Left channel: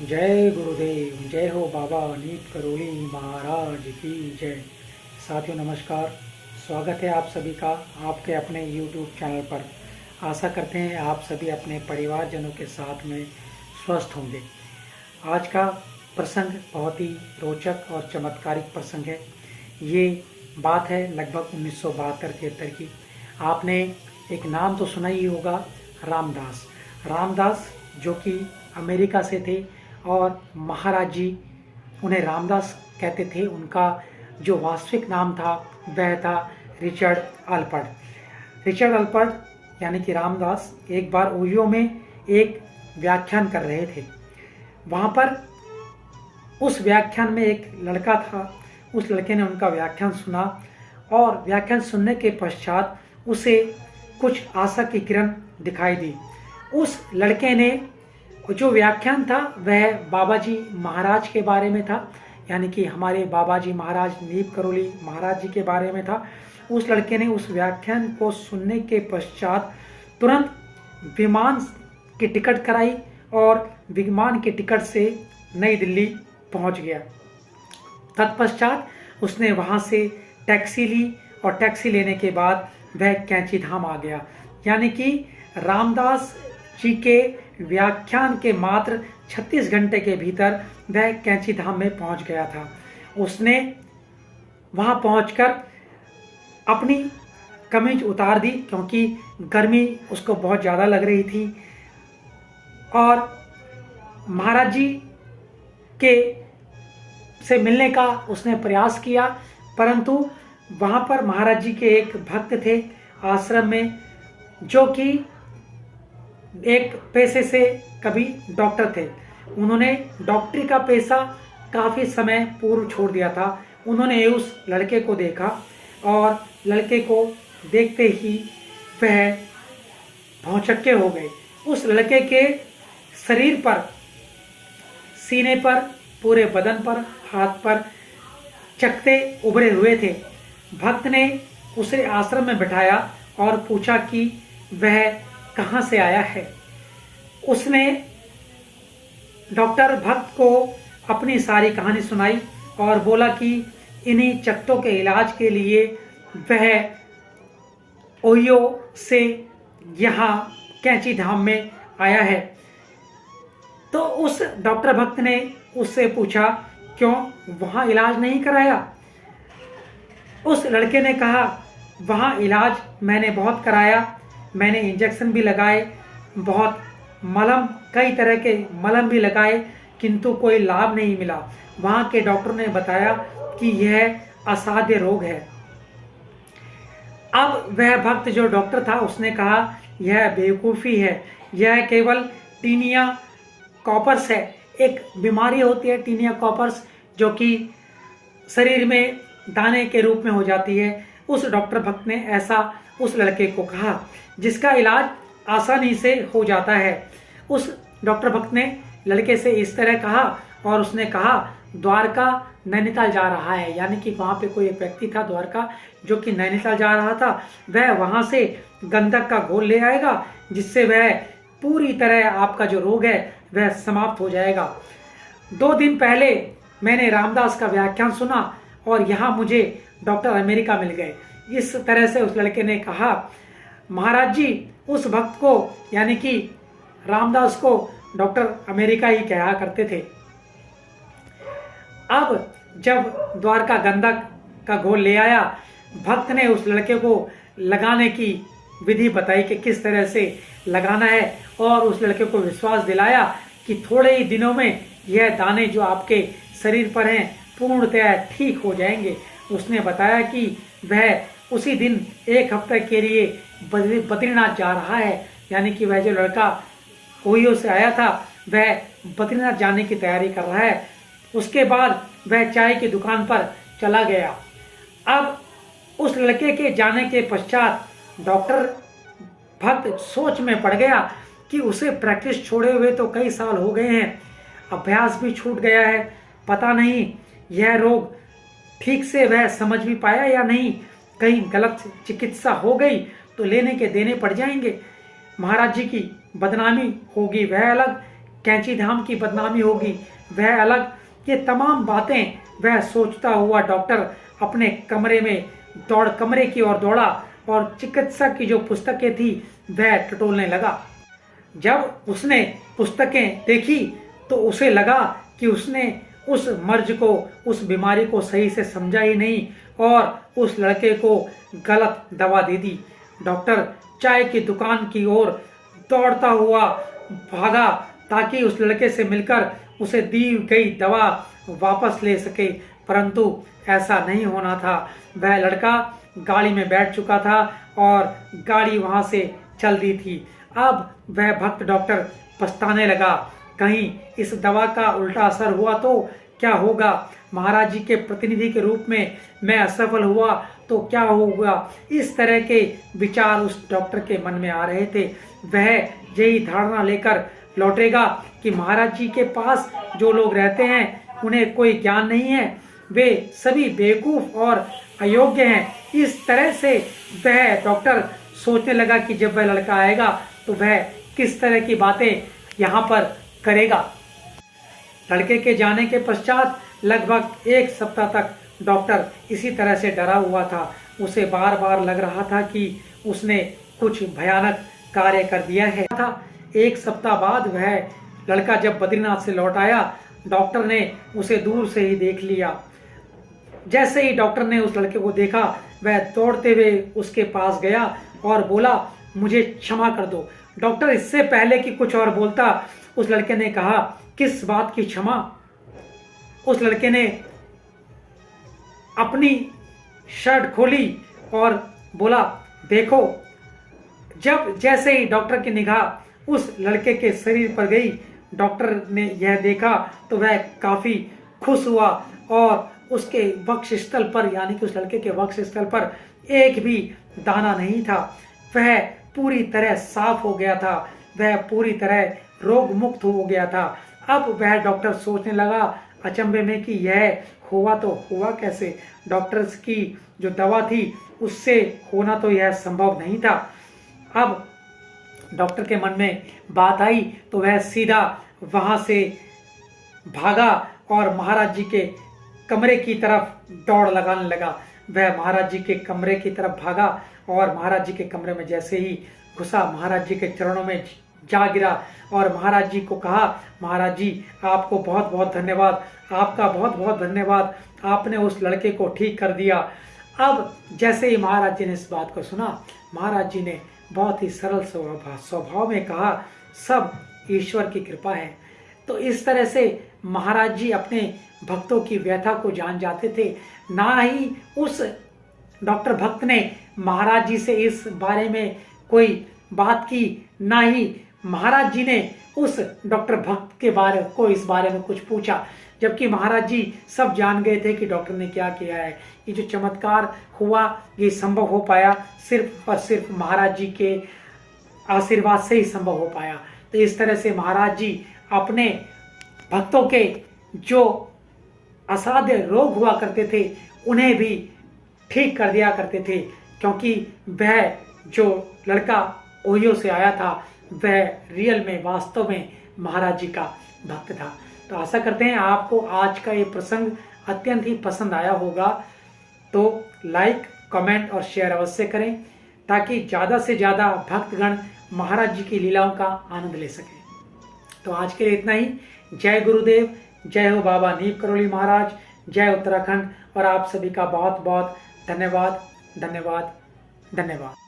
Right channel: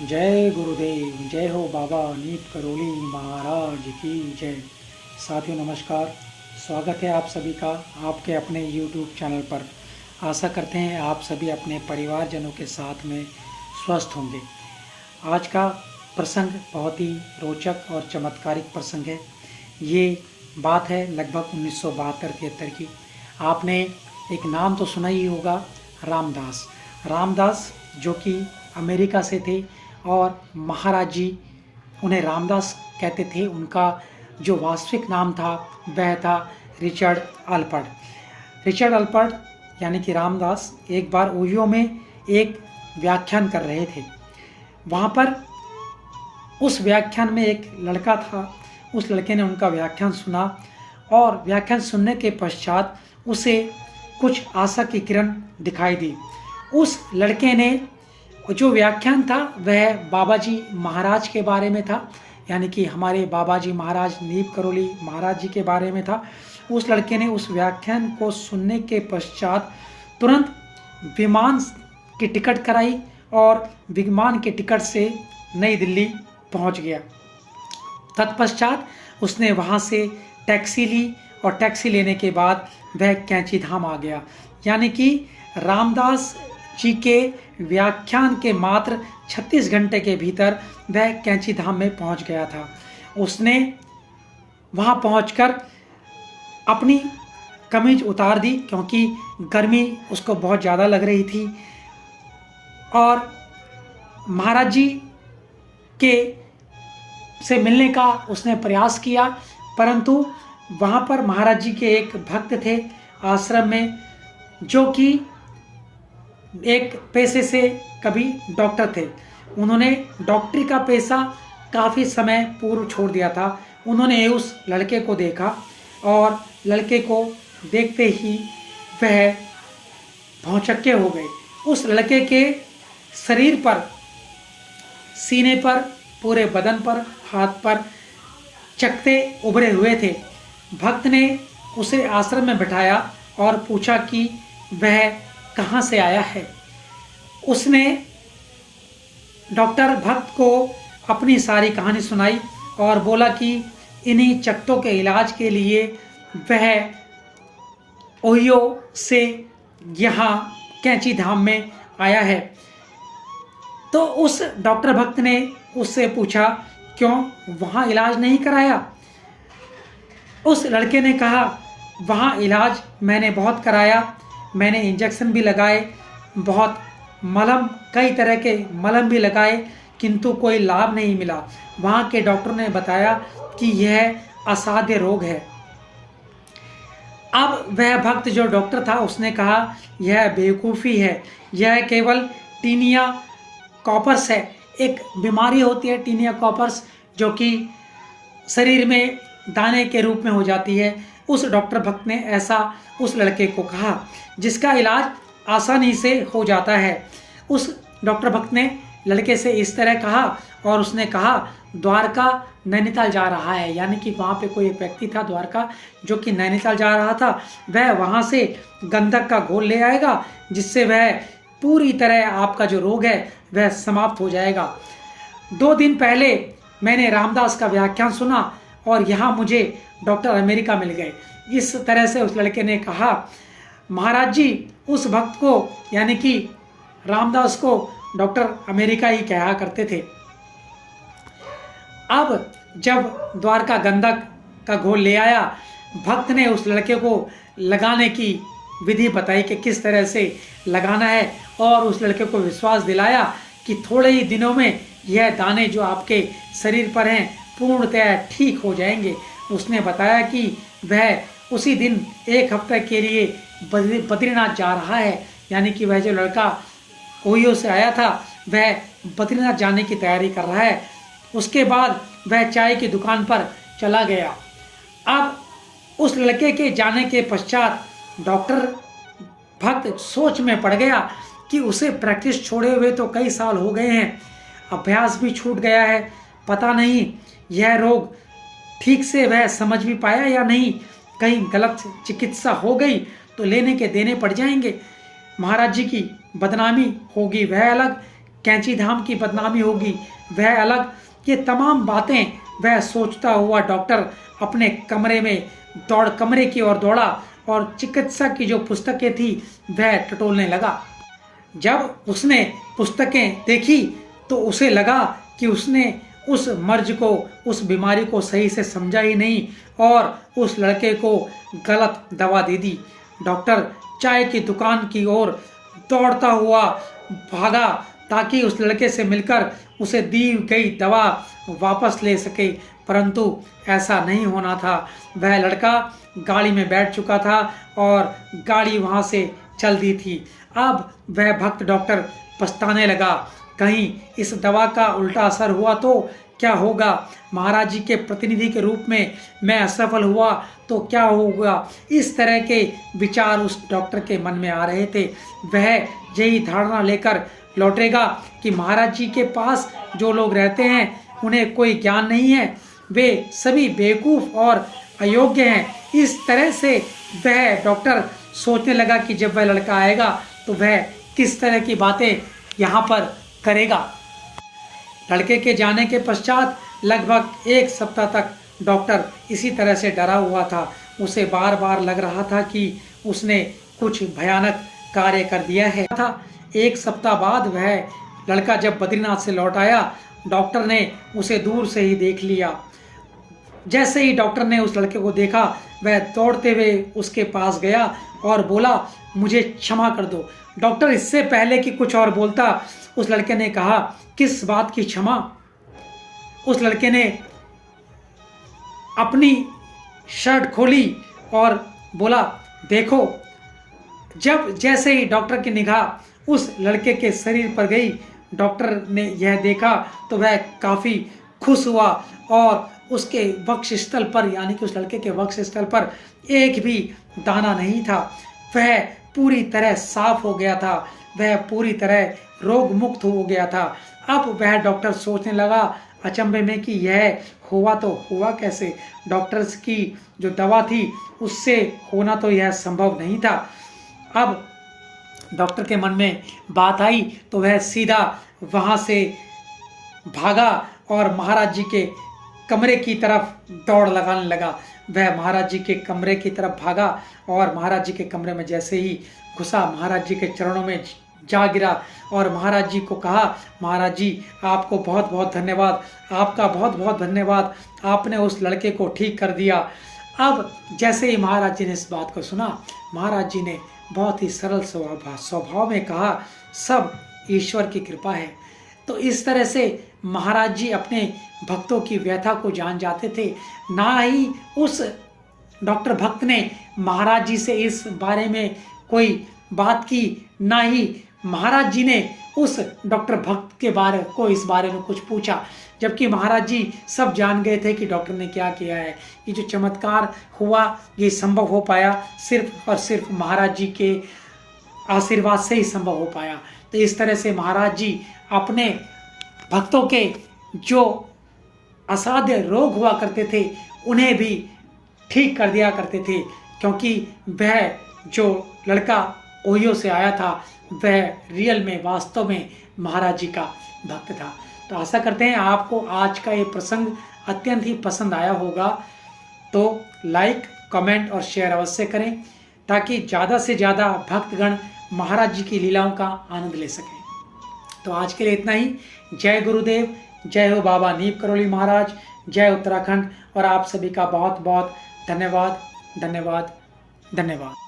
जय गुरुदेव, जय हो बाबा नीत करोली महाराज की जय। साथियों नमस्कार, स्वागत है आप सभी का आपके अपने YouTube चैनल पर। आशा करते हैं आप सभी अपने परिवारजनों के साथ में स्वस्थ होंगे। आज का प्रसंग बहुत ही रोचक और चमत्कारिक प्रसंग है। ये बात है लगभग 1972-73 की। आपने एक नाम तो सुना ही होगा, रामदास। रामदास जो कि अमेरिका से थे और महाराज जी उन्हें रामदास कहते थे। उनका जो वास्तविक नाम था वह था रिचर्ड अल्पर्ट। रिचर्ड अल्पर्ट यानी कि रामदास एक बार ओहियो में एक व्याख्यान कर रहे थे। वहाँ पर उस व्याख्यान में एक लड़का था। उस लड़के ने उनका व्याख्यान सुना और व्याख्यान सुनने के पश्चात उसे कुछ आशा की किरण दिखाई दी। उस लड़के ने जो व्याख्यान था वह बाबा जी महाराज के बारे में था, यानी कि हमारे बाबा जी महाराज नीप करोली महाराज जी के बारे में था। उस लड़के ने उस व्याख्यान को सुनने के पश्चात तुरंत विमान की टिकट कराई और विमान के टिकट से नई दिल्ली पहुंच गया। तत्पश्चात उसने वहां से टैक्सी ली और टैक्सी लेने के बाद वह कैंची धाम आ गया। यानी कि रामदास जी के व्याख्यान के मात्र 36 घंटे के भीतर वह कैंची धाम में पहुंच गया था। उसने वहां पहुंचकर अपनी कमीज उतार दी क्योंकि गर्मी उसको बहुत ज़्यादा लग रही थी और महाराज जी के से मिलने का उसने प्रयास किया, परंतु वहाँ पर महाराज जी के एक भक्त थे आश्रम में, जो कि एक पेशे से कभी डॉक्टर थे। उन्होंने डॉक्टरी का पेशा काफ़ी समय पूर्व छोड़ दिया था। उन्होंने उस लड़के को देखा और लड़के को देखते ही वह भौचक्के हो गए। उस लड़के के शरीर पर, सीने पर, पूरे बदन पर, हाथ पर चकते उभरे हुए थे। भक्त ने उसे आश्रम में बिठाया और पूछा कि वह कहाँ से आया है। उसने डॉक्टर भक्त को अपनी सारी कहानी सुनाई और बोला कि इन्हीं चकत्तों के इलाज के लिए वह ओहियो से यहाँ कैंची धाम में आया है। तो उस डॉक्टर भक्त ने उससे पूछा, क्यों वहाँ इलाज नहीं कराया? उस लड़के ने कहा, वहाँ इलाज मैंने बहुत कराया, मैंने इंजेक्शन भी लगाए, बहुत मलहम, कई तरह के मलहम भी लगाए, किंतु कोई लाभ नहीं मिला। वहाँ के डॉक्टर ने बताया कि यह असाध्य रोग है। अब वह भक्त जो डॉक्टर था उसने कहा, यह बेवकूफ़ी है, यह केवल टीनिया कॉपर्स है। एक बीमारी होती है टीनिया कॉपर्स, जो कि शरीर में दाने के रूप में हो जाती है। उस डॉक्टर भक्त ने ऐसा उस लड़के को कहा, जिसका इलाज आसानी से हो जाता है। उस डॉक्टर भक्त ने लड़के से इस तरह कहा और उसने कहा, द्वारका नैनीताल जा रहा है। यानी कि वहाँ पे कोई एक व्यक्ति था द्वारका, जो कि नैनीताल जा रहा था। वह वहाँ से गंधक का घोल ले आएगा, जिससे वह पूरी तरह आपका जो रोग है वह समाप्त हो जाएगा। 2 दिन पहले मैंने रामदास का व्याख्यान सुना और यहाँ मुझे डॉक्टर अमेरिका मिल गए। इस तरह से उस लड़के ने कहा। महाराज जी उस भक्त को, यानी कि रामदास को, डॉक्टर अमेरिका ही कहा करते थे। अब जब द्वारका गंधक का घोल ले आया, भक्त ने उस लड़के को लगाने की विधि बताई कि किस तरह से लगाना है और उस लड़के को विश्वास दिलाया कि थोड़े ही दिनों में यह दाने जो आपके शरीर पर हैं पूर्णतः ठीक हो जाएंगे। उसने बताया कि वह उसी दिन 1 हफ्ते के लिए बद्रीनाथ जा रहा है। यानी कि वह जो लड़का ओहियो से आया था वह बद्रीनाथ जाने की तैयारी कर रहा है। उसके बाद वह चाय की दुकान पर चला गया। अब उस लड़के के जाने के पश्चात डॉक्टर भक्त सोच में पड़ गया कि उसे प्रैक्टिस छोड़े हुए तो कई साल हो गए हैं, अभ्यास भी छूट गया है, पता नहीं यह रोग ठीक से वह समझ भी पाया या नहीं, कहीं गलत चिकित्सा हो गई तो लेने के देने पड़ जाएंगे, महाराज जी की बदनामी होगी वह अलग, कैंची धाम की बदनामी होगी वह अलग। ये तमाम बातें वह सोचता हुआ डॉक्टर अपने कमरे की ओर दौड़ा और चिकित्सा की जो पुस्तकें थी वह टटोलने लगा। जब उसने पुस्तकें देखी तो उसे लगा कि उसने उस मर्ज को, उस बीमारी को सही से समझा ही नहीं और उस लड़के को गलत दवा दे दी। डॉक्टर चाय की दुकान की ओर दौड़ता हुआ भागा ताकि उस लड़के से मिलकर उसे दी गई दवा वापस ले सके, परंतु ऐसा नहीं होना था। वह लड़का गाड़ी में बैठ चुका था और गाड़ी वहां से चल दी थी। अब वह भक्त डॉक्टर पछताने लगा, कहीं इस दवा का उल्टा असर हुआ तो क्या होगा, महाराज जी के प्रतिनिधि के रूप में मैं असफल हुआ तो क्या होगा। इस तरह के विचार उस डॉक्टर के मन में आ रहे थे। वह यही धारणा लेकर लौटेगा कि महाराज जी के पास जो लोग रहते हैं उन्हें कोई ज्ञान नहीं है, वे सभी बेवकूफ़ और अयोग्य हैं। इस तरह से वह डॉक्टर सोचने लगा कि जब वह लड़का आएगा तो वह किस तरह की बातें यहाँ पर करेगा। लड़के के जाने के पश्चात लगभग 1 सप्ताह तक डॉक्टर इसी तरह से डरा हुआ था। उसे बार बार लग रहा था कि उसने कुछ भयानक कार्य कर दिया है। 1 सप्ताह बाद वह लड़का जब बद्रीनाथ से लौट आया, डॉक्टर ने उसे दूर से ही देख लिया। जैसे ही डॉक्टर ने उस लड़के को देखा, वह दौड़ते हुए उसके पास गया और बोला, मुझे क्षमा कर दो। डॉक्टर इससे पहले कि कुछ और बोलता, उस लड़के ने कहा, किस बात की क्षमा। उस लड़के ने अपनी शर्ट खोली और बोला, देखो। जैसे ही डॉक्टर की निगाह उस लड़के के शरीर पर गई, डॉक्टर ने यह देखा तो वह काफ़ी खुश हुआ और उसके वक्षस्थल पर, यानी कि उस लड़के के वक्षस्थल पर एक भी दाना नहीं था। वह पूरी तरह साफ हो गया था, वह पूरी तरह रोग मुक्त हो गया था। अब वह डॉक्टर सोचने लगा अचंभे में कि यह हुआ तो हुआ कैसे। डॉक्टर्स की जो दवा थी उससे होना तो यह संभव नहीं था। अब डॉक्टर के मन में बात आई तो वह सीधा वहाँ से भागा और महाराज जी के कमरे की तरफ दौड़ लगाने लगा। वह महाराज जी के कमरे की तरफ भागा और महाराज जी के कमरे में जैसे ही घुसा, महाराज जी के चरणों में जा गिरा और महाराज जी को कहा, महाराज जी आपको बहुत बहुत धन्यवाद, आपका बहुत बहुत धन्यवाद, आपने उस लड़के को ठीक कर दिया। अब जैसे ही महाराज जी ने इस बात को सुना, महाराज जी ने बहुत ही सरल स्वभाव में कहा, सब ईश्वर की कृपा है। तो इस तरह से महाराज जी अपने भक्तों की व्यथा को जान जाते थे। ना ही उस डॉक्टर भक्त ने महाराज जी से इस बारे में कोई बात की, ना ही महाराज जी ने उस डॉक्टर भक्त के बारे को इस बारे में कुछ पूछा, जबकि महाराज जी सब जान गए थे कि डॉक्टर ने क्या किया है। ये जो चमत्कार हुआ ये संभव हो पाया सिर्फ और सिर्फ महाराज जी के आशीर्वाद से ही संभव हो पाया। तो इस तरह से महाराज जी अपने भक्तों के जो असाध्य रोग हुआ करते थे उन्हें भी ठीक कर दिया करते थे, क्योंकि वह जो लड़का ओहियो से आया था वह रियल में, वास्तव में महाराज जी का भक्त था। तो आशा करते हैं आपको आज का ये प्रसंग अत्यंत ही पसंद आया होगा। तो लाइक, कमेंट और शेयर अवश्य करें ताकि ज़्यादा से ज़्यादा भक्तगण महाराज जी की लीलाओं का आनंद ले सकें। तो आज के लिए इतना ही। जय गुरुदेव, जय हो बाबा नीम करौली महाराज, जय उत्तराखंड। और आप सभी का बहुत बहुत धन्यवाद, धन्यवाद, धन्यवाद।